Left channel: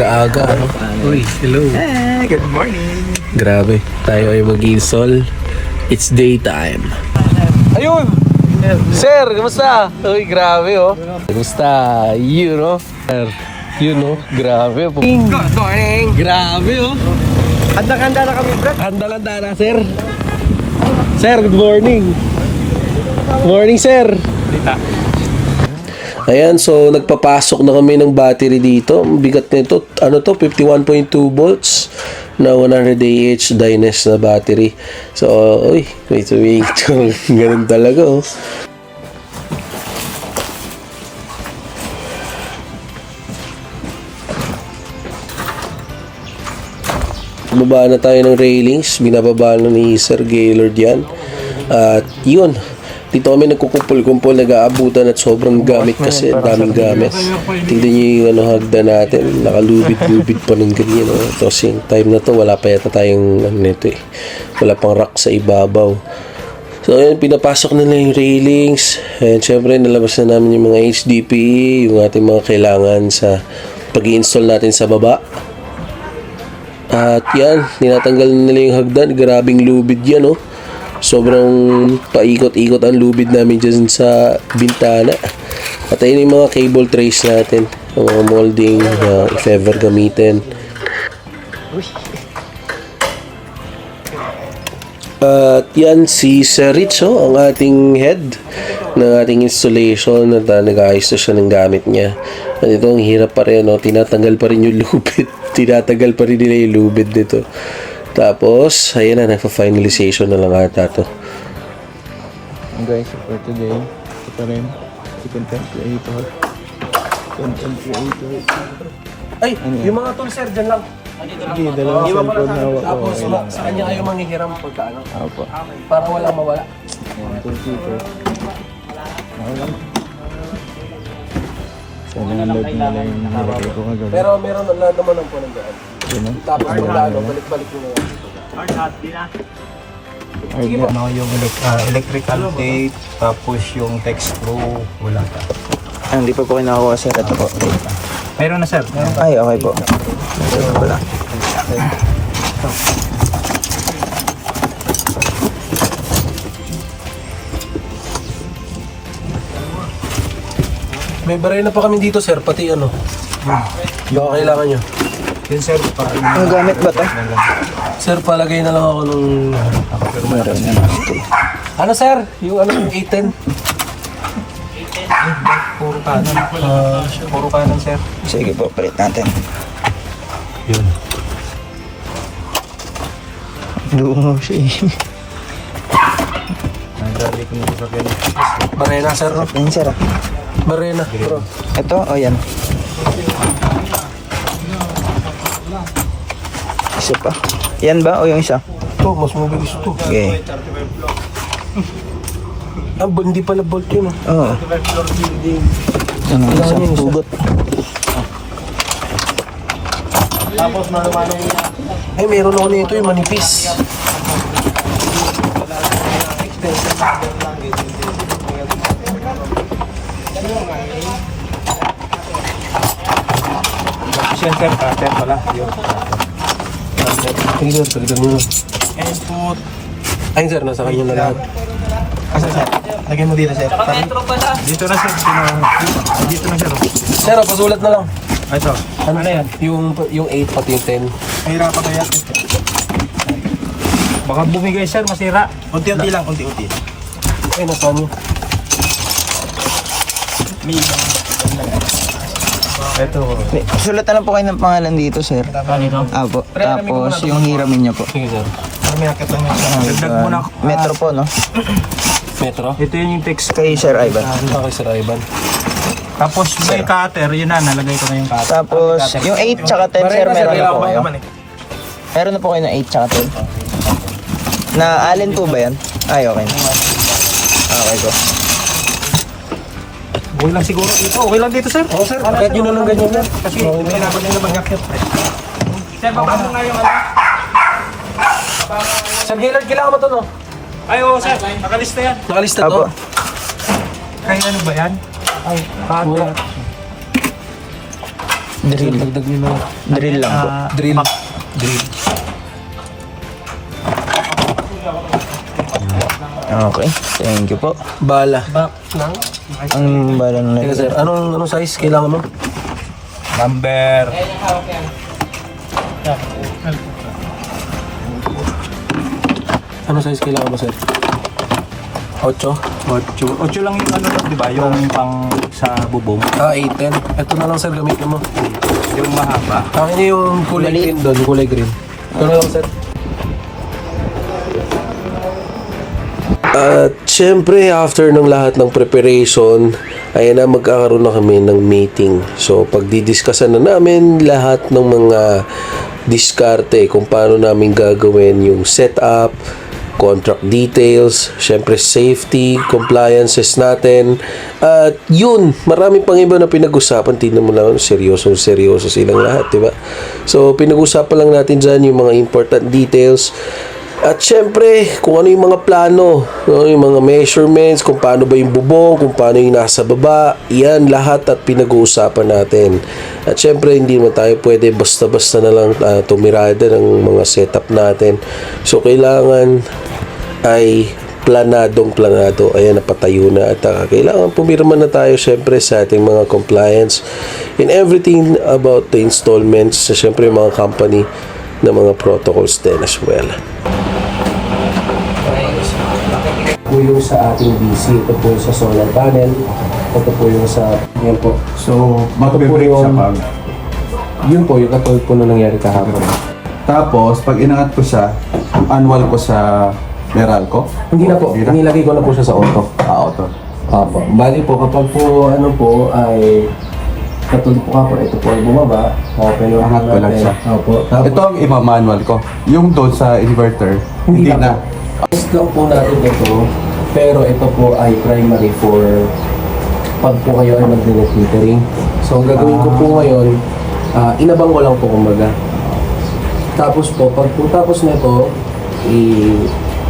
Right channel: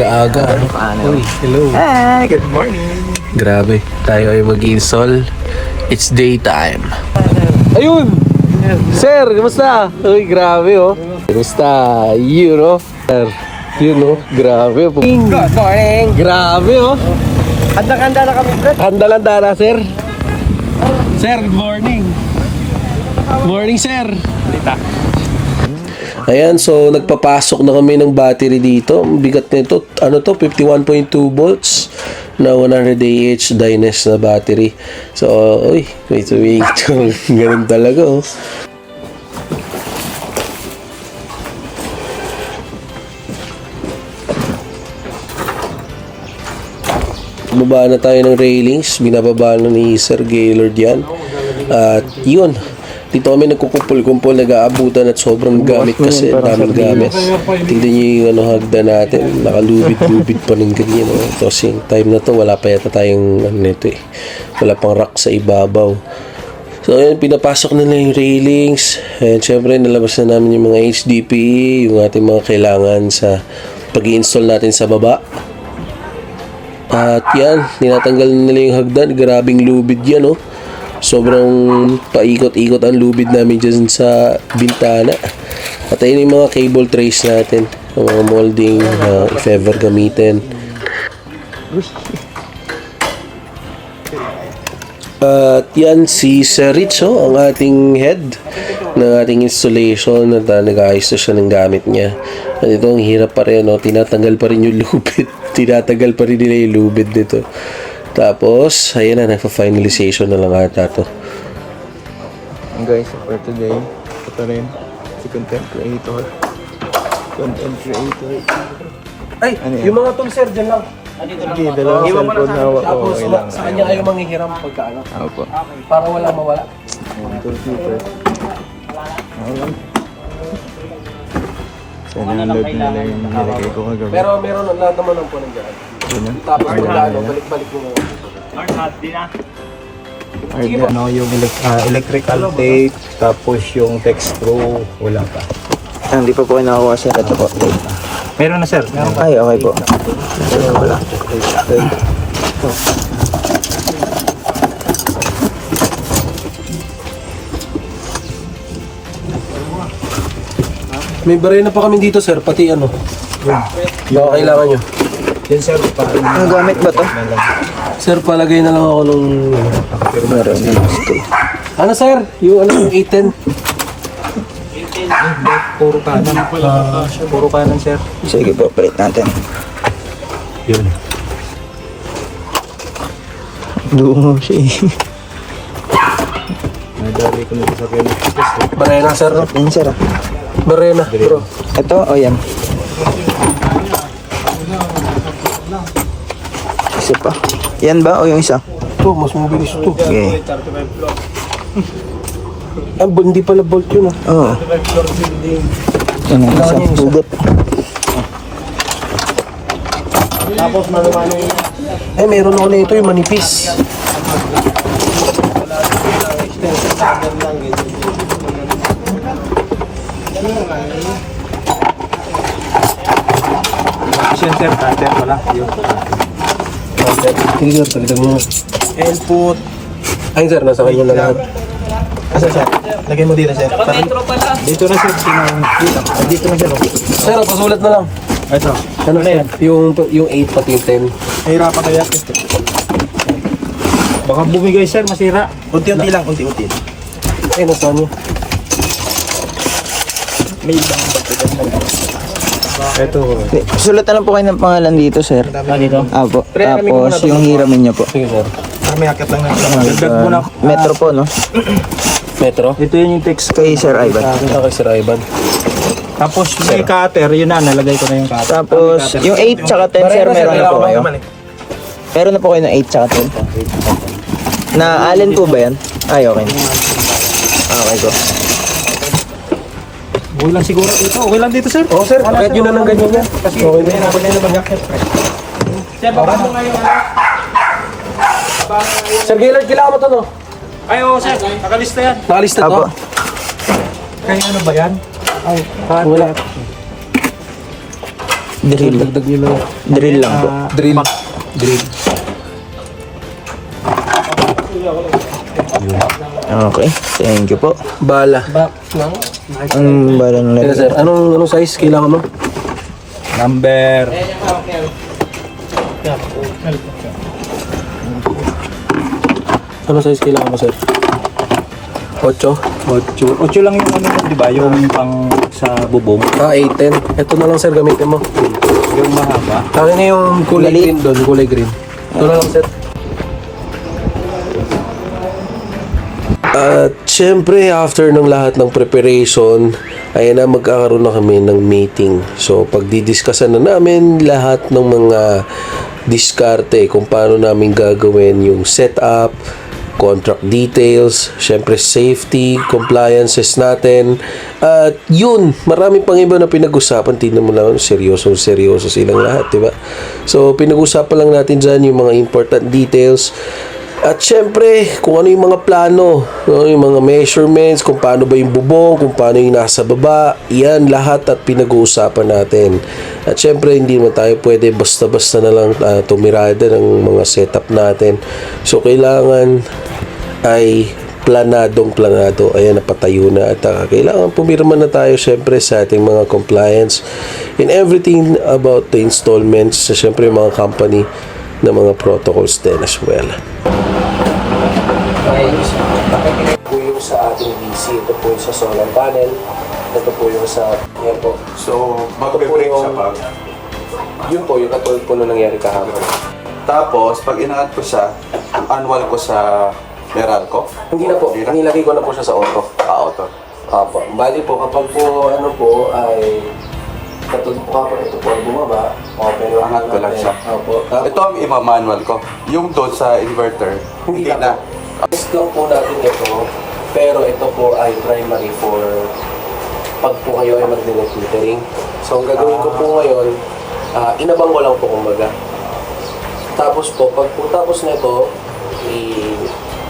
Aga-aga. Uy, hello. Hi, good morning. Grabe, tayo ay mag-install. It's daytime. Ayun! Sir, kumusta? Uy, grabe oh. Kumusta? Yun oh. Sir, yun oh. Grabe oh. Good morning. Grabe oh. Handa-handa na kami, Brad. Handa-handa na, sir. Sir, good morning. Good morning, sir. Ayan, so nagpapasok na kami ng battery dito. Ang bigat nito, ano to, 51.2 volts na 100 AH Dynes na battery. So, uy, wait. Ganun talaga, oh. Baba na tayo ng railings, binababa na ni Sir Gaylord yan. At yun, dito kami nagkukumpul-kumpul, nag-aabutan at sobrang gamit kasi, daming gamit. Tignan nyo yung hagda natin, nakalubid-lubid pa ng ganyan. Tapos yung time na to, wala pa yata tayong wala pang rack sa ibabaw. So ayun, pinapasok nila yung railings. And syempre, nalabas na namin yung mga HDPE, yung ating mga kailangan sa pag-i-install natin sa baba. At yan, tinatanggal nila yung hagdan. Grabing lubid yan, oh. Sobrang paikot-ikot ang lubid namin dyan sa bintana. At ayun yung mga cable trays natin, yung mga molding na if ever gamitin. At yan si Sir Rich, ang ating head ng ating installation, at nag-ayos na siya ng gamit niya. At ito, ang hirap pa rin, tinatanggal pa rin yung lubid. Tinatagal pa rin nila yung lubid nito. Tapos, ayan na, nagpa-finalization na lang ata to. Guys, for today, ito rin, si content creator. Ay, ano yung mga tools, sir, dyan lang. Sige, dalawang cellphone hawak ko. Tapos, Okay lang. sa kanya kayo manghihiram pagka ano. Opo. Para walang mawala. Computer. So, nanonood nila yung nilagay ko kagabi. Pero meron ang lahat naman ng punong dyan. Tapos, balik-balik mo lang. Ano yung electrical tape, tapos yung text screw, wala pa. Hindi pa po kayo nakakuha sir. Ito po. Meron na sir. Ay, okay po. May barena pa kami dito, sir, pati ano. Yung kailangan nyo. Yan sir, ang gamit ba ito? Sir, palagay na lang ako ng ano, sir? Yung ano, 810? Puro kanan. Puro kanan sir. Sige po, palit natin. Yun. Buo siya eh. Nadali ko na sa Pilipinas. Barena, sir. Yan sir. Barena, bro. Ito, o yan. Isa pa. Yan ba o yung isa? Oh, mas mabilis ito. Okay. Ah, hindi pala bolt yun, Oo. Yan yung isa. Hugot. Eh, meron ako na ito, yung manipis. Center wala. Hindi, sir, tagdag mo na. Input. Ay, sir, nasa kanya na lahat. Asa sir? Lagay mo dito sir. Dito na sir. Dito na sir. Sir, pasulat na lang. Ito. Ano na yan? Yung 8 pati yung 10. Hirapan kaya. Baka bumigay sir, masira. Unti-unti lang, unti-unti. Eh, nasa nyo. May ibang ito. Sulat na lang po kayo ng pangalan dito, sir. Dito? Apo. Tapos yung hiramin niya po. Sige, sir. May akit lang natin. Dagdag mo na. Metro po, no? Metro? Ito yun yung text. Kay Sir Ivan. Ito kay Sir Ivan. Tapos may cutter, yun na, nalagay ko na yung cutter. Tapos yung 8 tsaka 10, sir, Barena, sir, meron na po kailangan kayo. ko. Meron na po kayo ng 8 tsaka 10. Na alin po ba yan? Ay, okay. Okay, sir. Buhay lang siguro ito. Okay lang dito sir. Oh, sir, kahit yun na lang ganyan yan. Kasi may hirapan nila mag-akit. Sir, baba mo nga yung ano. Sir Gaylord, kailangan mo ito, no? Ay, oo sir. Nakalista yan. Nakalista to? Kaya ano ba yan? Ay, Wala. Drill. Dagdag nyo lang. Drill lang po. Drill. Drill. Okay, thank you po. Bala. Bala na. Teka sir, anong size kailangan mo? Number. Anong size kailangan mo sir? 8? 8 lang yung ano, di ba? Yung pang sa bubong. 8-10. Ito na lang sir, gamitin mo. Yung mahaba. Tangin na yung kulay green doon, kulay green. Ito na lang sir. At syempre, after ng lahat ng preparation, ayan na, magkakaroon na kami ng meeting. So, pagdidiscusan na namin lahat ng mga diskarte kung paano namin gagawin yung setup, contract details, syempre safety, compliances natin. At yun, marami pang iba na pinag-usapan. Tingnan mo lang, seryoso silang lahat, diba? So, pinag-usapan lang natin dyan yung mga important details. At syempre, kung ano yung mga plano, no, yung mga measurements, kung paano ba yung bubong, kung paano yung nasa baba, yan lahat at pinag-uusapan natin. At syempre, hindi naman tayo pwede basta-basta na lang tumirada ng mga setup natin. So, kailangan ay planado. Ayan, napatayo na. At kailangan pumirma na tayo syempre sa ating mga compliance in everything about the installments sa syempre yung mga company na mga protocols din as well. Okay. Po yung sa ating DC, ito po yung sa solar panel, ito po yung sa, yan po. So, magbe-break sa pag. Yun po, yung katulad po na nangyari kahapon. Tapos, pag inangat ko siya, yung annual ko sa Meralco. Hindi na po, inilagay ko na po siya sa auto. Auto. Opo. Bali po, kapag po, ano po, ay katulad po kapag ito po ay bumaba, open lang Angat ko lang siya. Opo. Tapos, Ito ang ima-manual ko. Yung doon sa inverter, hindi na. test lang po natin ito, pero ito po ay primary for pag po kayo ay mag-net metering. So, ang gagawin ko po ngayon, inabang ko lang po kumbaga. Tapos po, pag po tapos nito,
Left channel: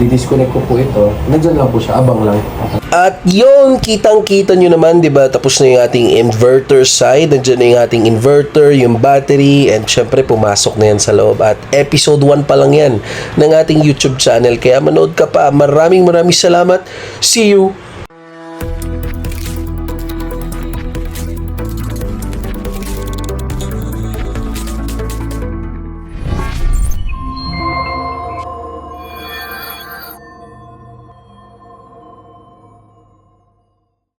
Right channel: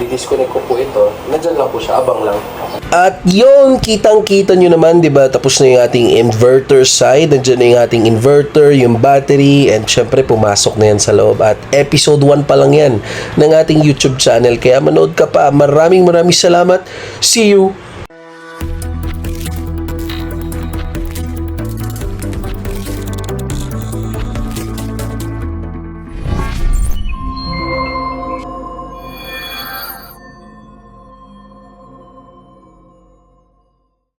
i-disconnect ko po ito, nandyan lang po siya, abang lang. At yun, kitang-kita nyo naman, di ba? Tapos na yung ating inverter side, nandyan na yung ating inverter, yung battery, and syempre pumasok na yan sa loob. At episode 1 pa lang yan ng ating YouTube channel. Kaya manood ka pa. Maraming salamat. See you